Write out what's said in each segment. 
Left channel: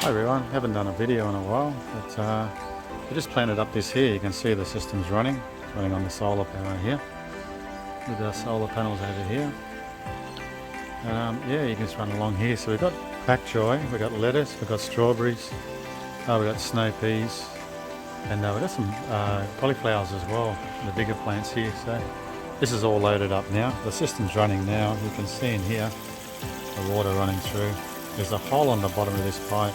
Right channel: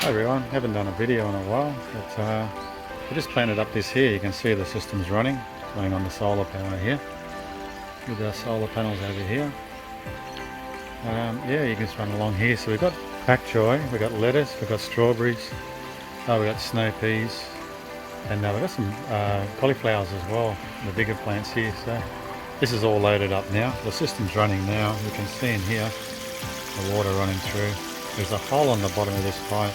Hi everyone, haven't done a video in a while, but we just planted up this here. You can see the system's running. It's running on the solar power here, with our solar panels over here. And yeah, you can just run along here. So we've got pak choy, we've got lettuce, we've got strawberries, we've got snow peas, and we've got some cauliflowers as well, the bigger plants here. So this is all loaded up now. The system's running now. You can see in here the water running through. There's a hole on the bottom of this pipe,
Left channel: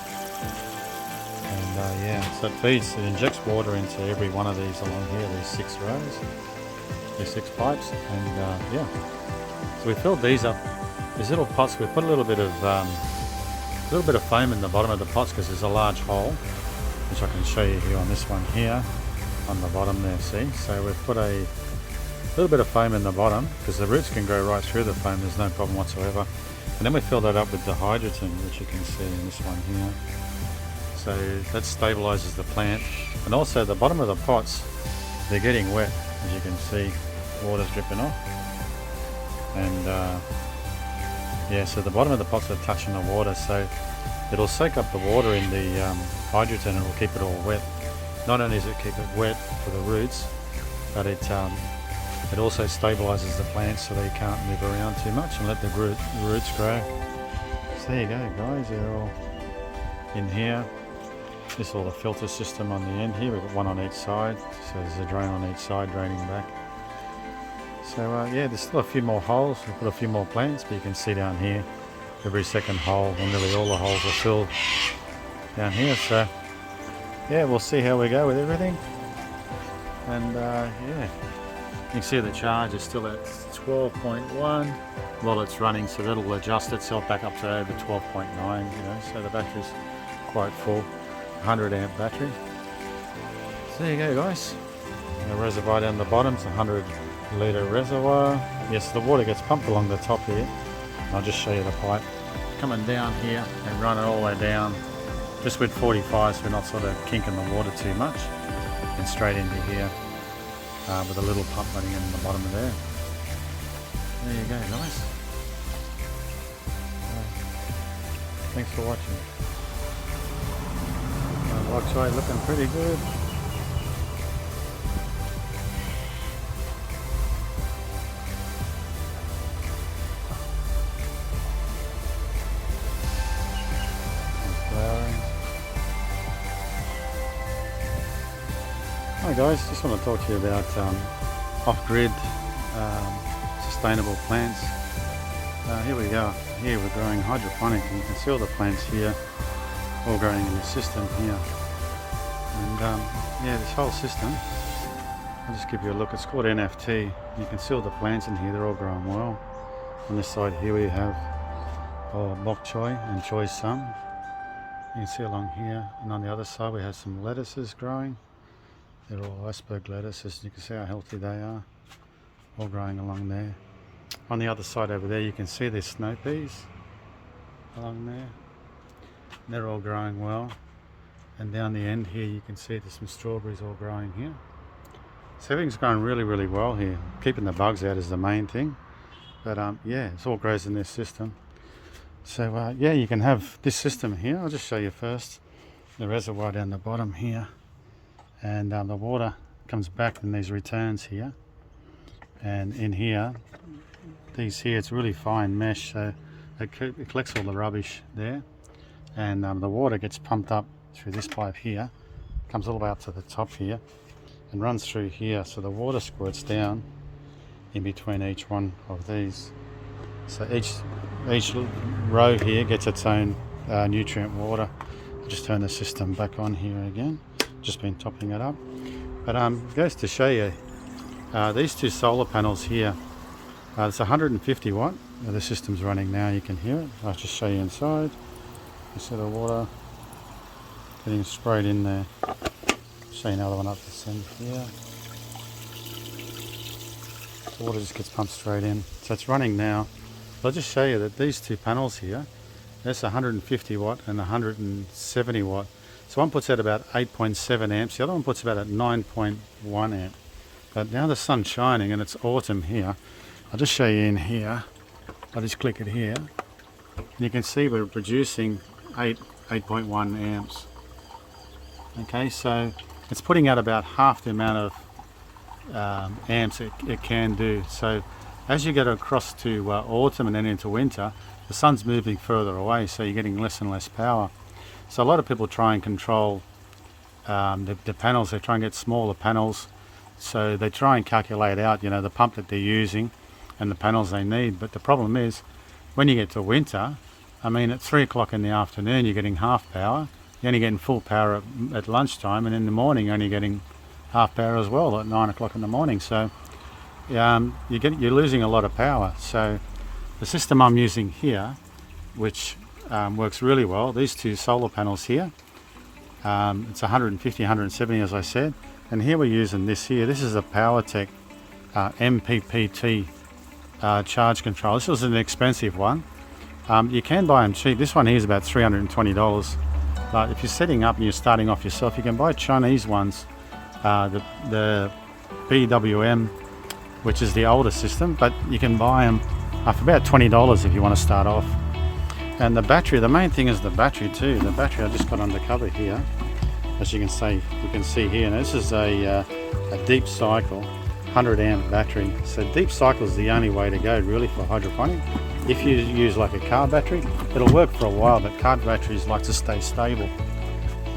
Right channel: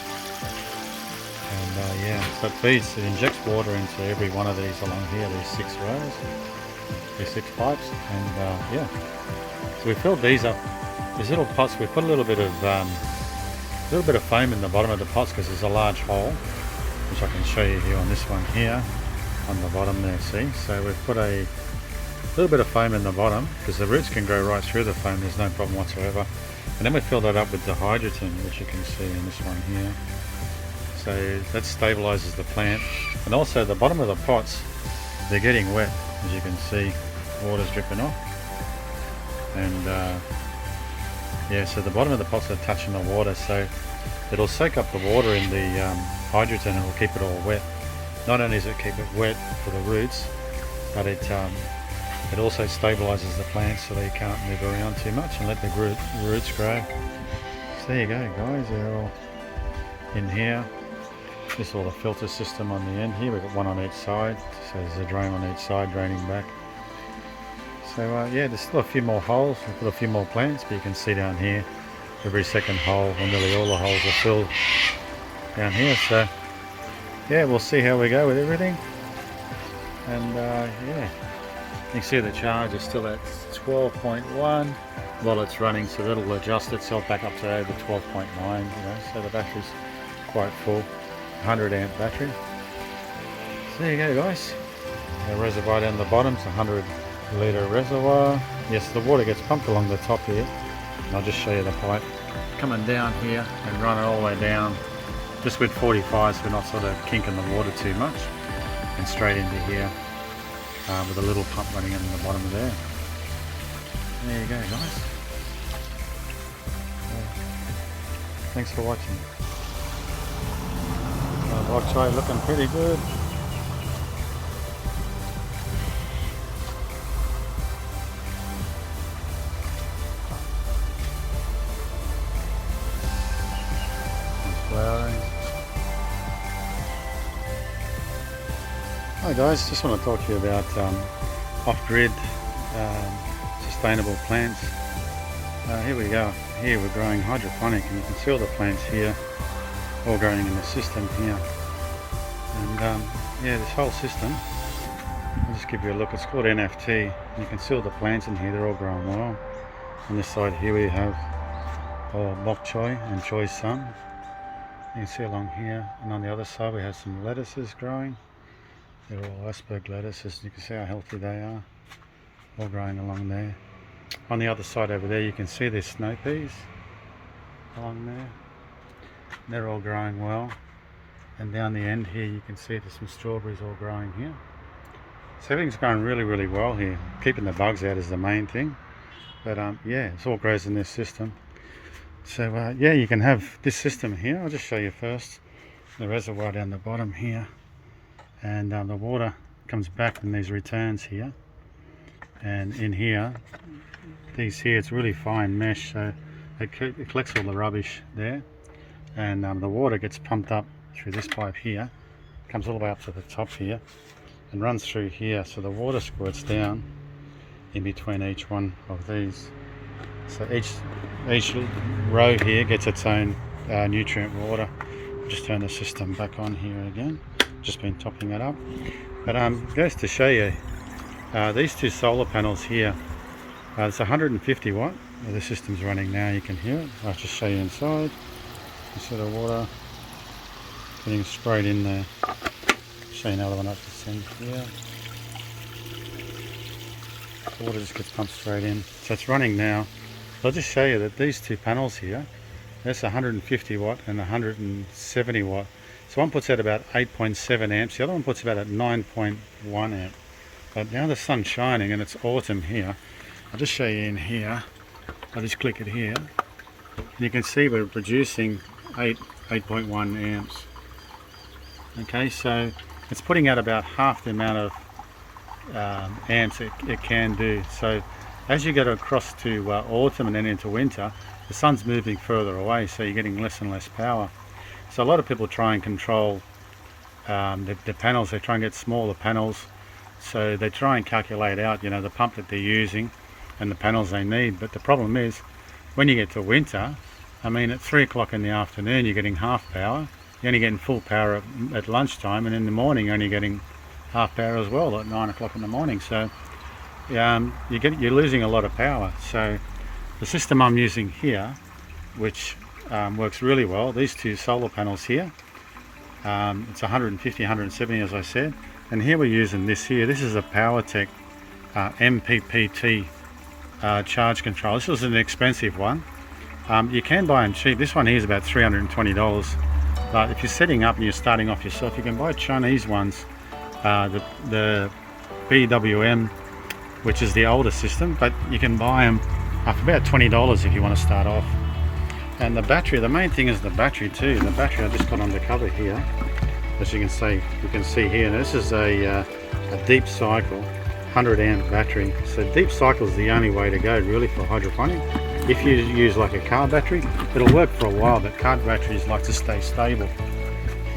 and yeah, so it injects water into every one of these along here, these 6 rows, these 6 pipes, and yeah. So we filled these up, these little pots. We put a little bit of foam in the bottom of the pots because there's a large hole, which I can show you here on this one here, on the bottom there, see? So we've put a little bit of foam in the bottom because the roots can grow right through the foam, there's no problem whatsoever. And then we fill that up with the hydrogen, which you can see in this one here. So that stabilizes the plant. And also the bottom of the pots, they're getting wet, as you can see, water's dripping off. And yeah, so the bottom of the pots are touching the water, so it'll soak up the water in the hydrogen and it'll keep it all wet. Not only does it keep it wet for the roots, but it also stabilizes the plants so they can't move around too much and let the roots grow. So there you go guys, they're all in here. This is all the filter system on the end here. We've got one on each side, so there's a drain on each side draining back. So yeah, there's still a few more holes. We've put a few more plants, but you can see down here every second hole, or nearly all the holes are filled down here. So yeah, we'll see how we go with everything. And yeah, you can see the charge is still at 12.1 while it's running, so that'll adjust itself back up to over 12.9, you know, so the battery's quite full, 100 amp battery. So there you go guys, the reservoir down the bottom's a 100 litre reservoir. Yes, the water gets pumped along the top here, and I'll just show you the pipe coming down here and run it all the way down, just with 45, so we're not sort of kinking the water too much, and straight into here. With a little pump running in the bottom of there. There you go guys. Thanks for watching. Bok choy looking pretty good. It's flowering. Hi guys, just want to talk to you about off-grid sustainable plants. Here we go. Here we're growing hydroponic, and you can see all the plants here all growing in the system here. And yeah, this whole system, I'll just give you a look. It's called NFT. You can see all the plants in here, they're all growing well. On this side here we have bok choy and choy sun. You can see along here, and on the other side we have some lettuces growing. They're all iceberg lettuces. You can see how healthy they are, all growing along there. On the other side over there you can see there's snow peas along there. They're all growing well. And down the end here you can see there's some strawberries all growing here. So everything's going really, really well here. Keeping the bugs out is the main thing. But yeah, it all grows in this system. So yeah, you can have this system here. I'll just show you first the reservoir down the bottom here. And the water comes back in these returns here, and in here, these here, it's really fine mesh, so it collects all the rubbish there, and the water gets pumped up through this pipe here, comes all the way up to the top here, and runs through here, so the water squirts down in between each one of these. So each row here gets its own nutrient water. I'll just turn the system back on here again. Just been topping it up, but goes to show you these 2 solar panels here. It's 150 watt. The system's running now, you can hear it. I'll just show you inside. You see the water getting sprayed in there. Show you another one up to send here. The water just gets pumped straight in, so it's running now. I'll just show you that these 2 panels here, that's 150 watt and 170 watt. So one puts out about 8.7 amps, the other one puts about at 9.1 amp. But now the sun's shining and it's autumn here. I'll just show you in here. I'll just click it here. And you can see we're producing 8 8.1 amps. Okay, so it's putting out about half the amount of amps it can do. So as you get across to autumn and then into winter, the sun's moving further away, so you're getting less and less power. So a lot of people try and control the panels. They try and get smaller panels, so they try and calculate out, you know, the pump that they're using and the panels they need. But the problem is, when you get to winter, I mean, at 3 o'clock in the afternoon you're getting half power. You're only getting full power at lunchtime, and in the morning you're only getting half power as well at 9 o'clock in the morning. So you're losing a lot of power. So the system I'm using here, which works really well, these two solar panels here, it's 150, 170 as I said, and here we're using this here. This is a PowerTech MPPT charge control. This was an expensive one. You can buy them cheap. This one here is about $320, but if you're setting up and you're starting off yourself, you can buy Chinese ones, the BWM, which is the older system, but you can buy them for about $20 if you want to start off. And the battery, the main thing is the battery too. The battery I just got undercover here, as you can see here. Now this is a deep cycle 100 amp battery. So deep cycle is the only way to go really for hydroponic. If you use like a car battery, it'll work for a while, but car batteries like to stay stable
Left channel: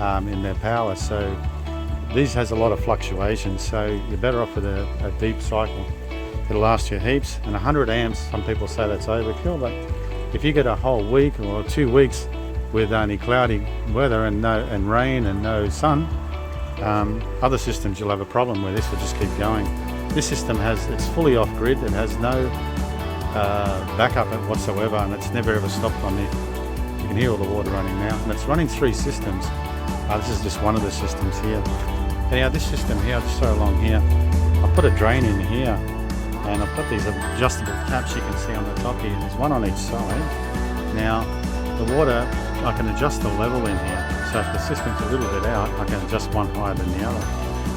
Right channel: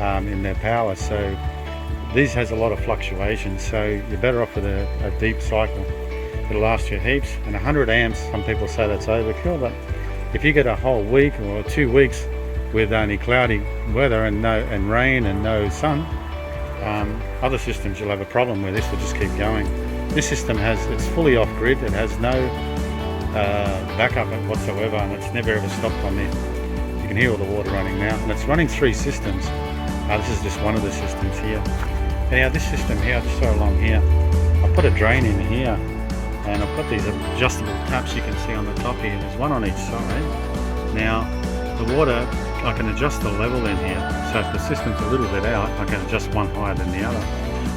in their power. So these has a lot of fluctuations, so you're better off with a deep cycle. It'll last you heaps. And 100 amps, some people say that's overkill, but if you get a whole week or 2 weeks with only cloudy weather and rain and no sun, other systems you'll have a problem with. This will just keep going. This system it's fully off grid. It has no backup whatsoever, and it's never ever stopped on there. You can hear all the water running now, and it's running 3 systems. This is just one of the systems here. Anyhow, this system here, I'll just show along here. I put a drain in here, and I've got these adjustable taps you can see on the top here. There's one on each side. Now the water, I can adjust the level in here, so if the system's a little bit out, I can adjust one higher than the other.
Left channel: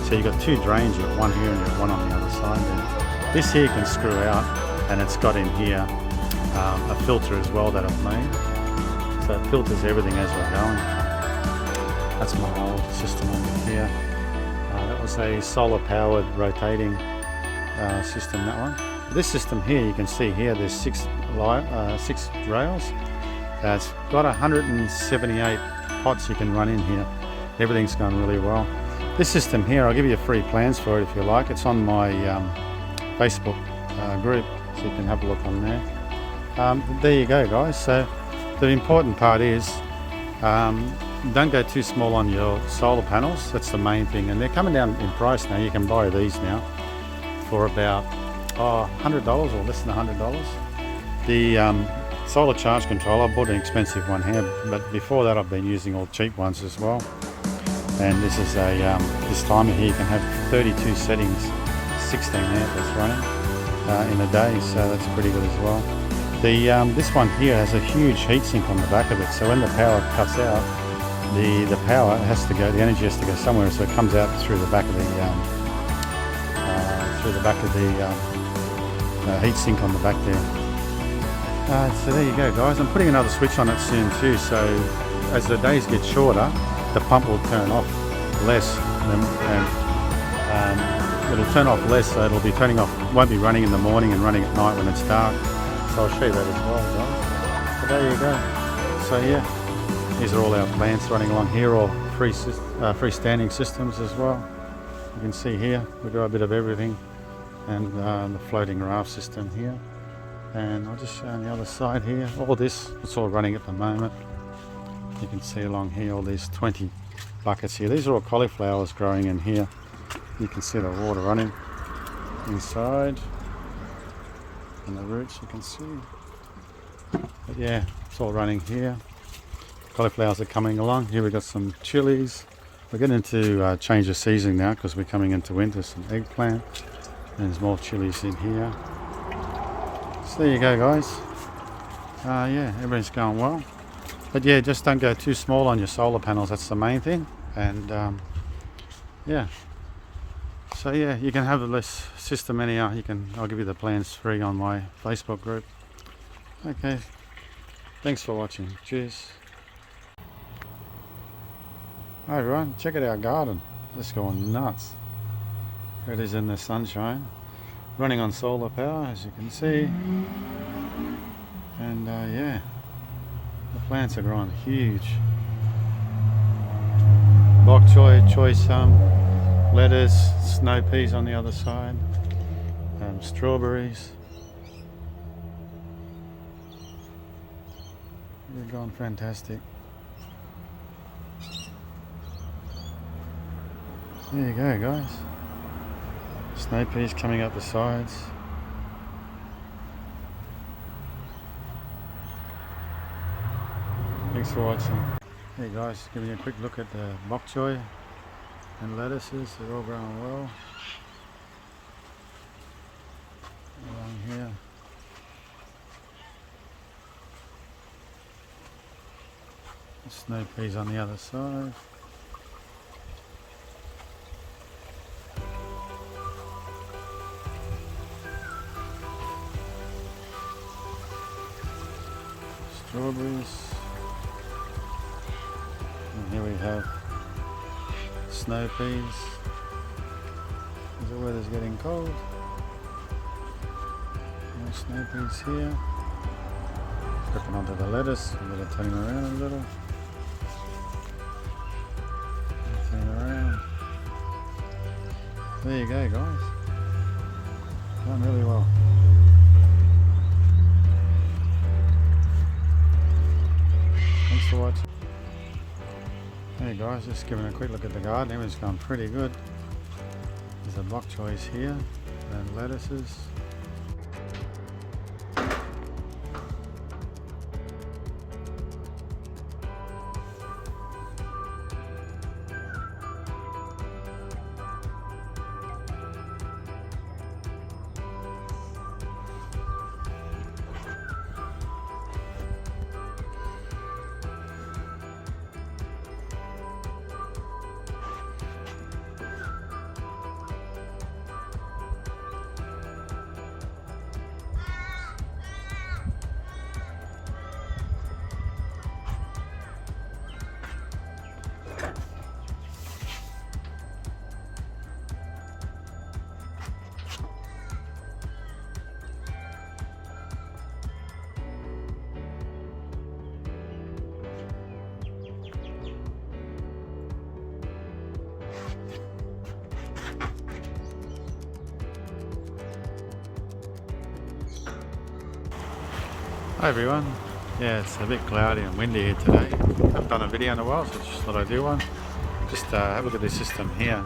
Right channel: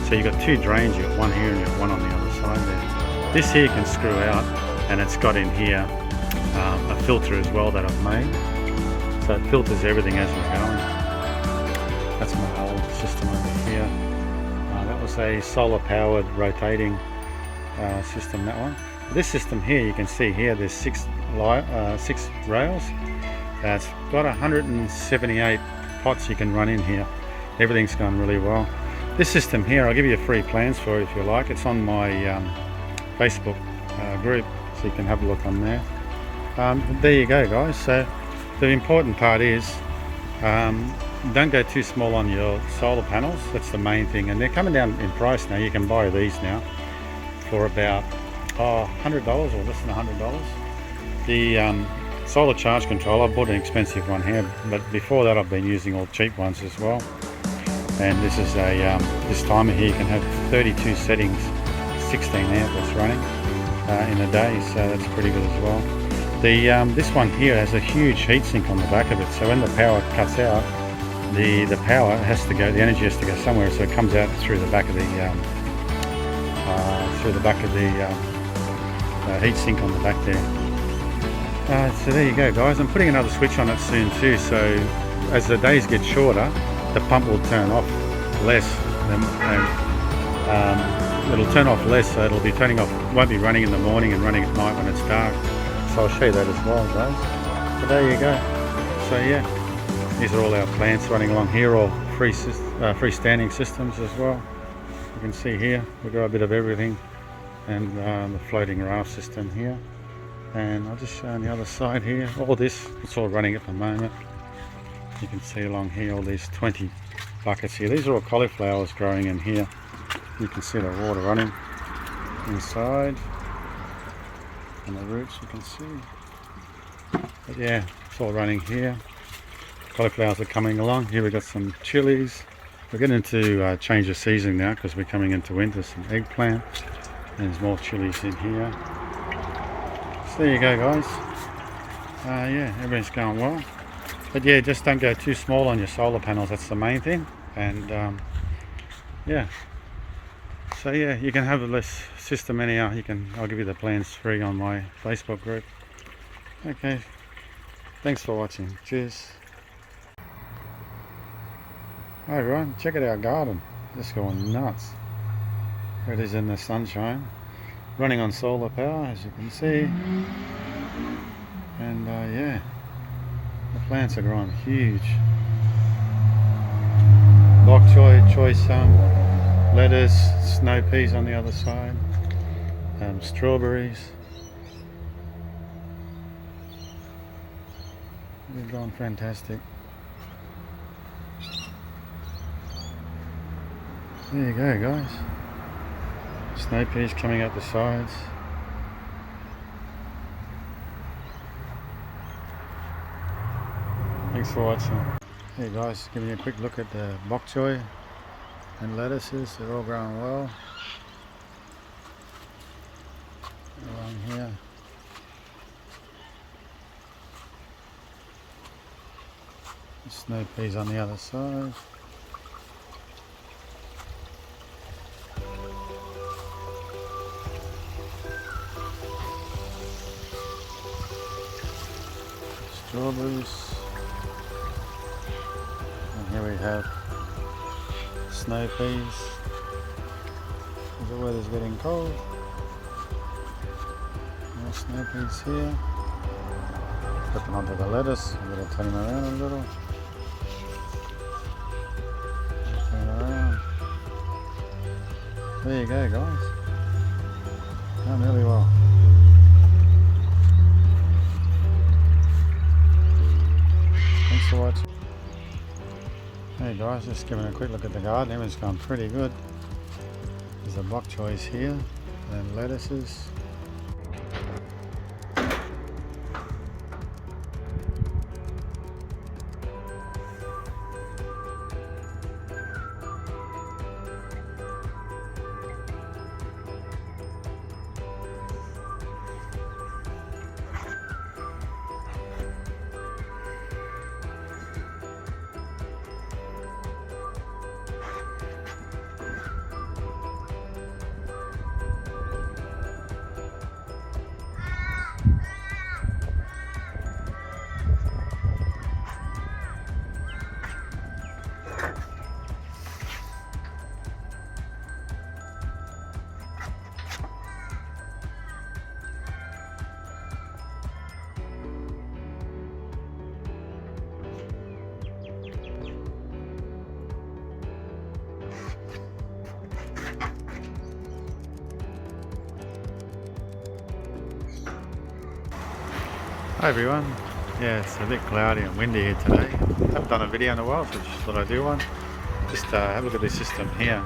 So you've got 2 drains, you've got one here and you've got one on the other side there. This here you can screw out, and it's got in here a filter as well that I've made, so it filters everything as we're going. That's my old system over here. That was a solar powered rotating system, that one. This system here, you can see here, there's 6 rails. It's got 178 pots you can run in here. Everything's going really well. This system here, I'll give you free plans for it if you like. It's on my Facebook group, so you can have a look on there. There you go, guys. So the important part is don't go too small on your solar panels. That's the main thing, and they're coming down in price now. You can buy these now for about $100 or less than $100. The solar charge control, I bought an expensive one here, but before that I've been using all cheap ones as well. And this is a this timer here, you can have 32 settings, 16 amp that's running in a day, so that's pretty good as well. This one here has a huge heatsink on the back of it, so when the power cuts out, the power has to go, the energy has to go somewhere, so it comes out through the back of the heatsink on the back there. So there you go, guys. I'm putting another switch on it soon too, so as the days get shorter, the pump will turn off less, and it'll turn off less, so it'll be turning off, won't be running in the morning and running at night when it's dark. So I'll show you that as well, guys. But there you go. So yeah, these are all our plants running along here, all freestanding systems as well. You can see here we've got a bit of everything, and the floating raft system here. And I'll just show on the other side here, all this, it's all running at the moment. You can see along here all these 20 buckets here. These are all cauliflowers growing in here. You can see the water running inside, and the roots you can see. But yeah, it's all running here. Cauliflowers are coming along. Here we've got some chilies. We're getting to change the season now because we're coming into winter. Some eggplant, and there's more chilies in here. So there you go, guys. Yeah, everything's going well. But yeah, just don't go too small on your solar panels. That's the main thing. And yeah. So yeah, you can have this system anyhow. I'll give you the plans free on my Facebook group. Okay. Thanks for watching. Cheers. Hi everyone, check out our garden. Just going nuts. Here it is in the sunshine. Running on solar power, as you can see. And yeah, the plants are growing huge. Bok choy lettuce, snow peas on the other side, strawberries. They're going fantastic. There you go, guys. Snow peas coming out the sides. Thanks for watching. Hey guys, giving you a quick look at the bok choy and lettuces. They're all growing well. Along here. Snow peas on the other side. Strawberries. And here we have snow peas. The weather's getting cold. More snow peas here. Put them onto the lettuce. I'm going to turn them around a little. Turn them around. There you go, guys. Done really well. Thanks for watching. Hey guys, just giving a quick look at the garden. Everything's going pretty good. There's the bok choys here and lettuces. Hi everyone. Yeah, it's a bit cloudy and windy here today. I haven't done a video in a while, so just thought I'd do one. Just have a look at this system here.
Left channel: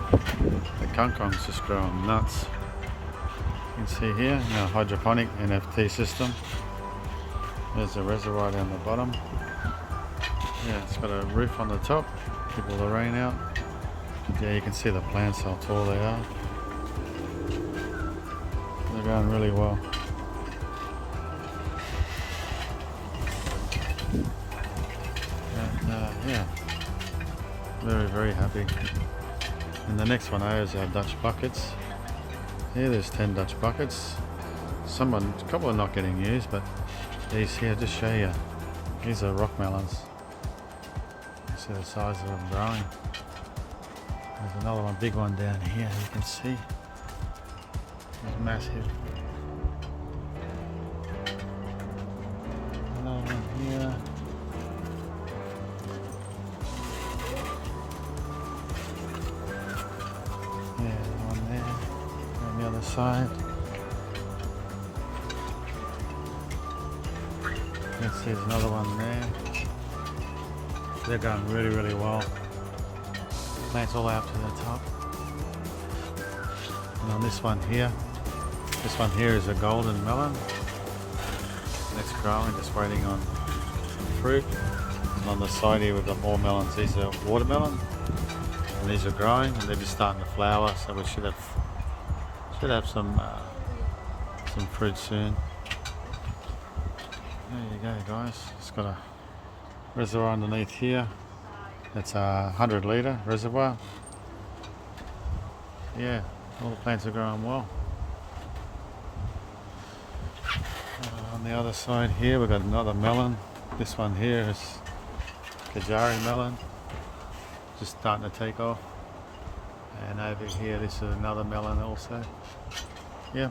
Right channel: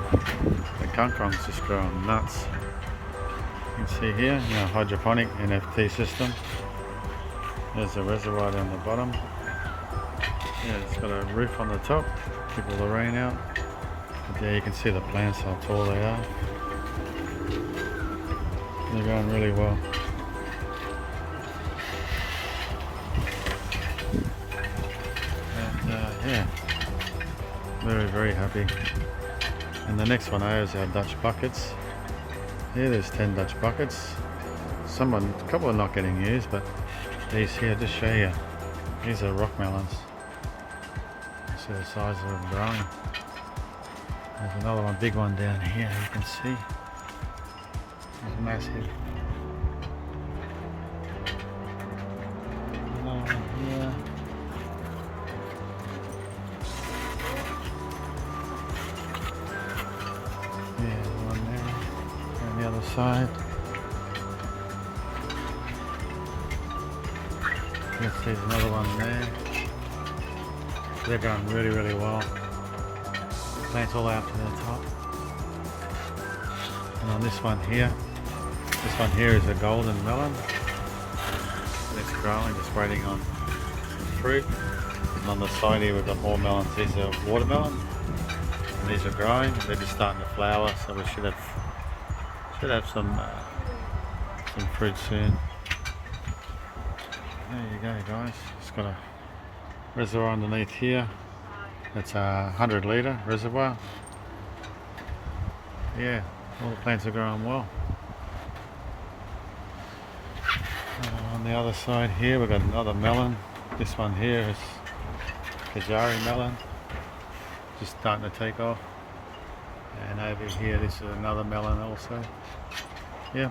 The kangkong's just growing nuts. You can see here, our hydroponic NFT system. There's a reservoir down the bottom. Yeah, it's got a roof on the top, keep all the rain out. But yeah, you can see the plants, how tall they are. They're growing really well. Yeah, very happy. And the next one is our Dutch buckets. Here there's 10 Dutch buckets. A couple are not getting used, but these here, just show you, these are rock melons. You see the size of them growing. There's another one, big one down here, you can see. It's massive. Another one here. Yeah, the one there, on the other side. You can see there's another one there. They're going really well. Plants all the way up to the top. And on this one here is a golden melon. And it's growing, just waiting on some fruit. And on the side here we've got more melons. These are watermelon. And these are growing and they're just starting to flower, so we should have some fruit soon. There you go, guys. It's got a reservoir underneath here. It's a 100-litre reservoir. Yeah, all the plants are growing well. On the other side here we've got another melon. This one here is Kajari melon. just starting to take off. And over here, this is another melon also. Yeah,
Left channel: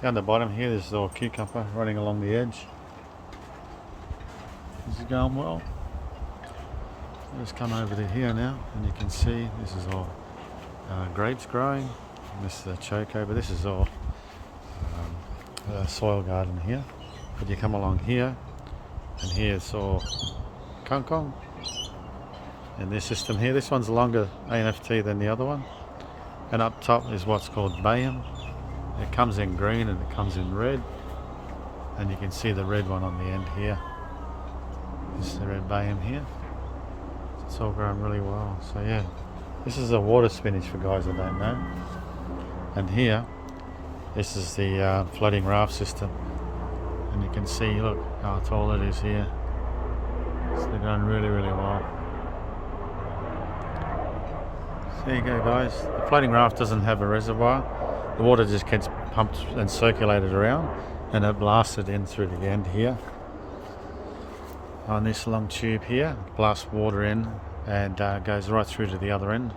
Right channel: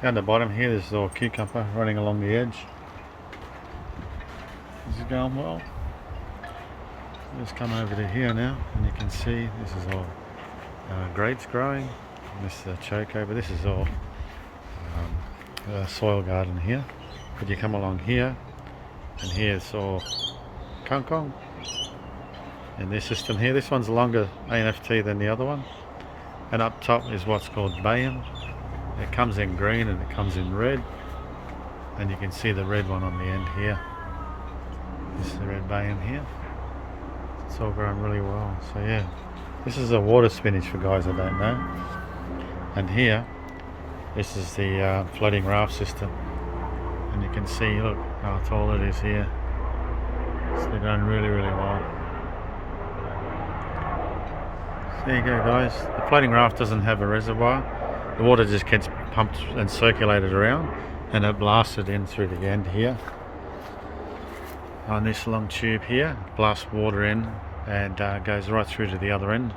down the bottom here, this is all cucumber running along the edge. This is going well. Just come over to here now, and you can see this is all grapes growing. And this is a choco, but this is all a soil garden here. But you come along here, and here it's all kangkong. And this system here, this one's longer ANFT than the other one. And up top is what's called bayam. It comes in green and it comes in red. And you can see the red one on the end here. This is the red bayam here. It's all grown really well. So yeah, this is a water spinach for guys that don't know. And here, this is the floating raft system. And you can see, look how tall it is here. So they're going really, really well. There you go, guys. The floating raft doesn't have a reservoir. The water just gets pumped and circulated around, and it blasted in through the end here. On this long tube here, blasts water in and goes right through to the other end,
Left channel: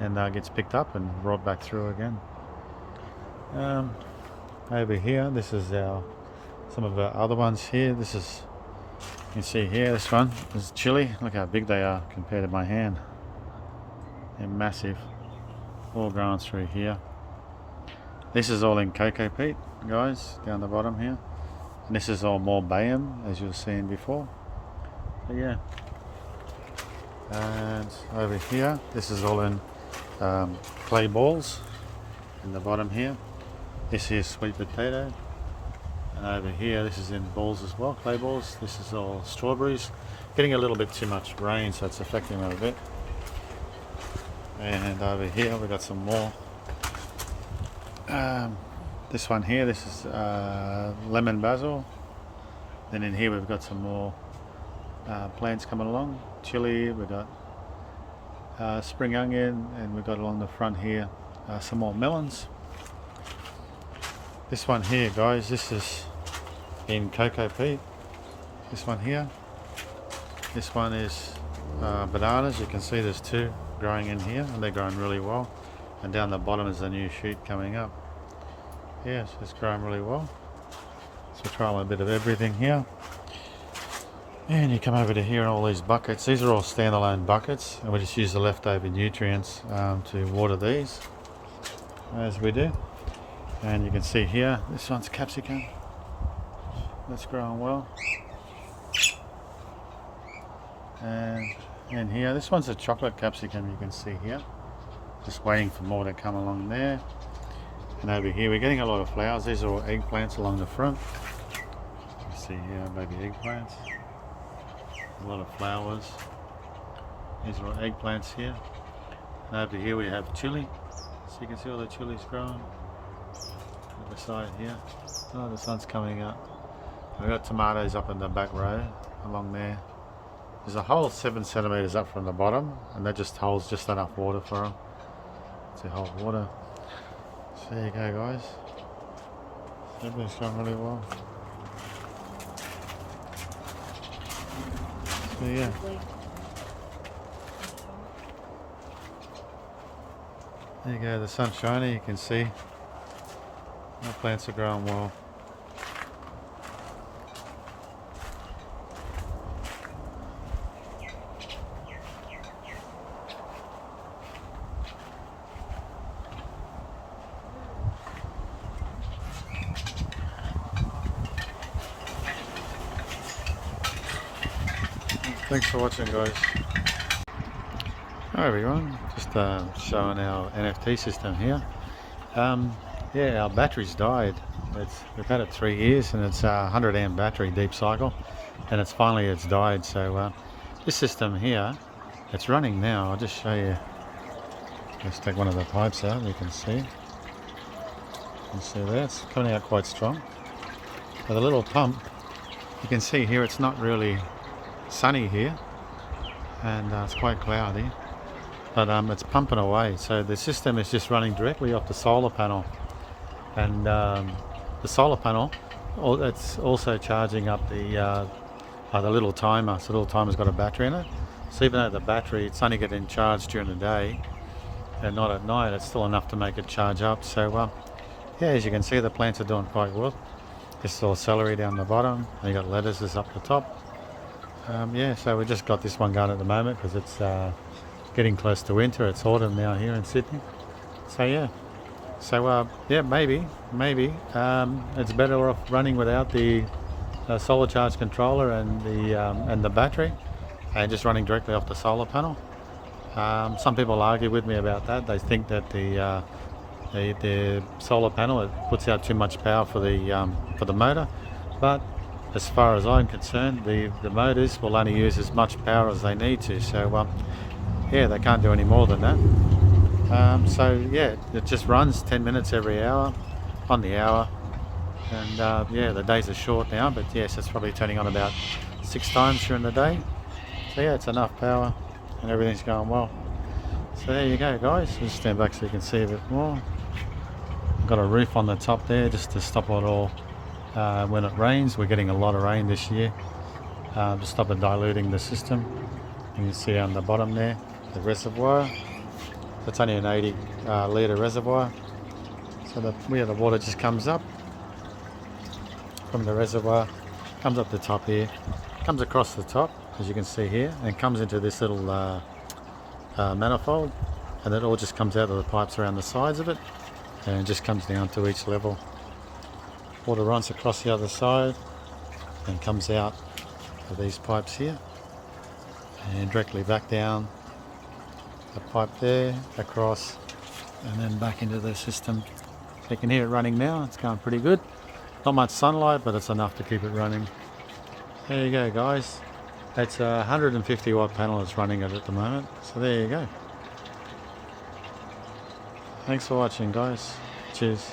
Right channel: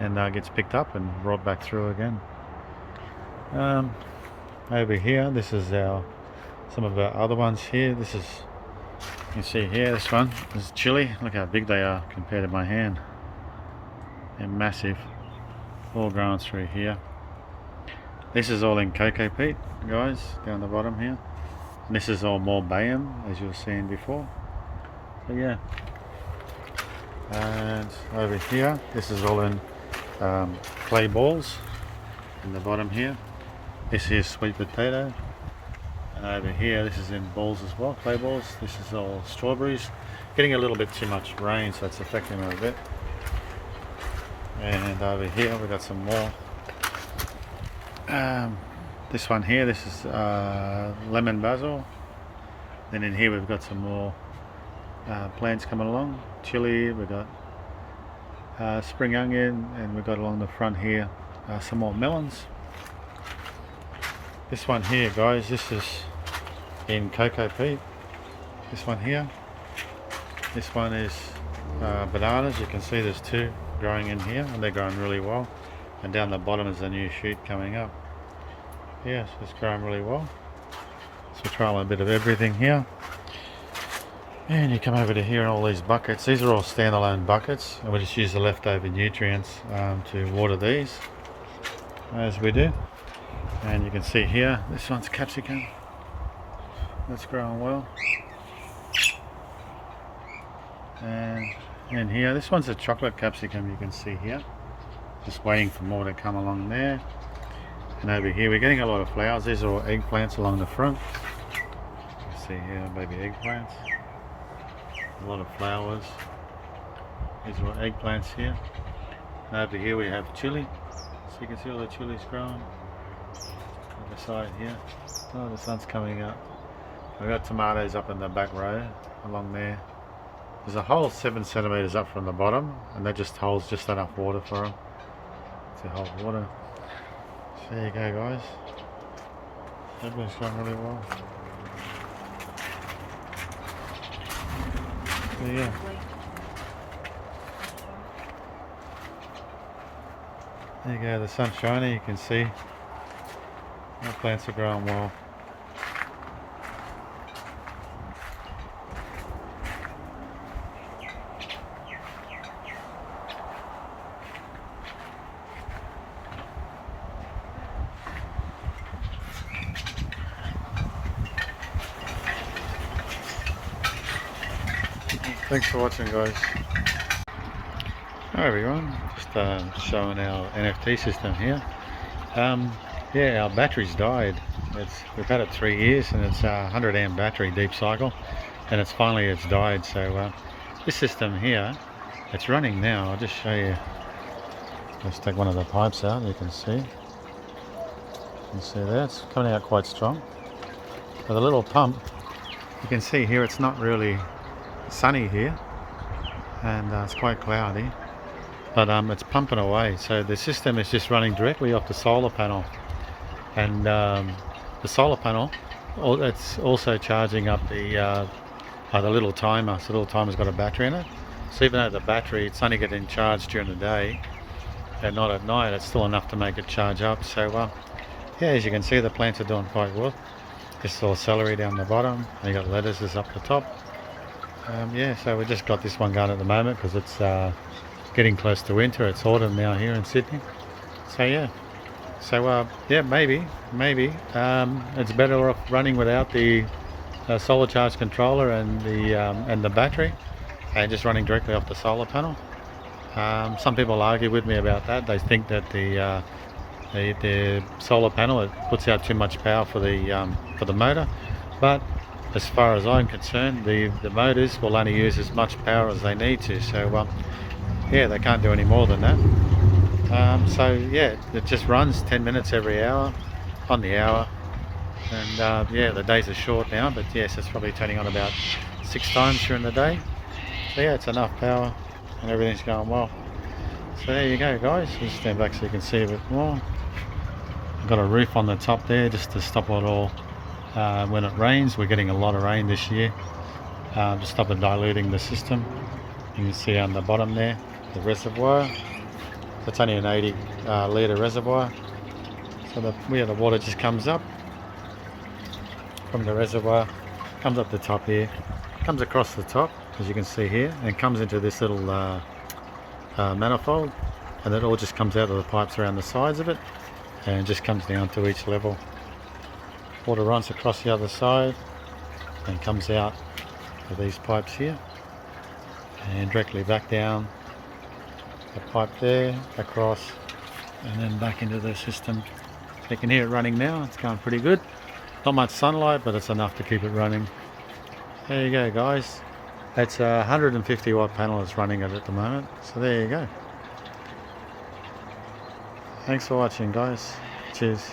and gets picked up and brought back through again. Over here, this is some of our other ones here. This is, you can see here, this one is chili. Look how big they are compared to my hand. They're massive, all growing through here. This is all in cocoa peat, guys, down the bottom here. And this is all more bayam, as you were seeing before. So yeah. And over here, this is all in clay balls in the bottom here. This is sweet potato. And over here, this is in balls as well, clay balls. This is all strawberries. Getting a little bit too much rain, so it's affecting them a bit. And over here we've got some more. This one here, this is lemon basil. Then in here we've got some more plants coming along. Chili, we've got spring onion, and we've got along the front here some more melons. This one here, guys, this is in cocoa peat. This one here. This one is bananas. You can see there's two growing in here, and they're growing really well. And down the bottom is a new shoot coming up. Yes, it's growing really well. So we're trying a bit of everything here. And you come over to here and all these buckets. These are all standalone buckets, and we just use the leftover nutrients to water these, as we do. And you can see here, this one's capsicum. That's growing well. And in here, this one's a chocolate capsicum, you can see here. Just waiting for more to come along there. And over here, we're getting a lot of flowers. These are all eggplants along the front. You can see here, baby eggplants. A lot of flowers. These are all eggplants here. And over here we have chili. So you can see all the chilies growing. On the side here. Oh, the sun's coming up. We've got tomatoes up in the back row along there. There's a hole 7 centimeters up from the bottom, and that just holds just enough water for them to hold water. So there you go, guys. Everything's going really well. So yeah. There you go, the sun's shining, you can see our plants are growing well. Thanks for watching, guys. Hi everyone, just showing our NFT system here. Yeah, our battery's died. We've had it 3 years, and it's a 100 amp battery, deep cycle, and it's died. So this system here, it's running now. I'll just show you. Let's take one of the pipes out. You can see. You can see there, it's coming out quite strong. With a little pump, you can see here it's not really sunny here, and it's quite cloudy, but it's pumping away. So the system is just running directly off the solar panel, and the solar panel, it's also charging up the little timer. So the little timer's got a battery in it, So even though the battery, it's only getting charged during the day and not at night, it's still enough to make it charge up. So yeah, as you can see, the plants are doing quite well. Just all celery down the bottom, and you got lettuces up the top. Yeah, so we just got this one going at the moment because it's getting close to winter. It's autumn now here in Sydney. So yeah, yeah, maybe it's better off running without the solar charge controller and the battery, and just running directly off the solar panel. Some people argue with me about that. They think that the solar panel, it puts out too much power for the motor, but as far as I'm concerned, the motors will only use as much power as they need to. So yeah, they can't do any more than that. So yeah, it just runs 10 minutes every hour on the hour, and yeah, the days are short now, but yes, it's probably turning on about 6 times during the day. So yeah, it's enough power and everything's going well. So there you go, guys. Let's stand back so you can see a bit more. I've got a roof on the top there just to stop it all when it rains. We're getting a lot of rain this year, to stop it diluting the system. You can see on the bottom there the reservoir. So it's only an 80 litre reservoir. So where the water just comes up from the reservoir, comes up the top here, comes across the top, as you can see here, and comes into this little manifold, and it all just comes out of the pipes around the sides of it, and just comes down to each level. Water runs across the other side and comes out of these pipes here, and directly back down the pipe there, across, and then back into the system. You can hear it running now. It's going pretty good. Not much sunlight, but it's enough to keep it running. There you go, guys. It's a 150 watt panel that's running it at the moment. So there you go. Thanks for watching, guys. Cheers.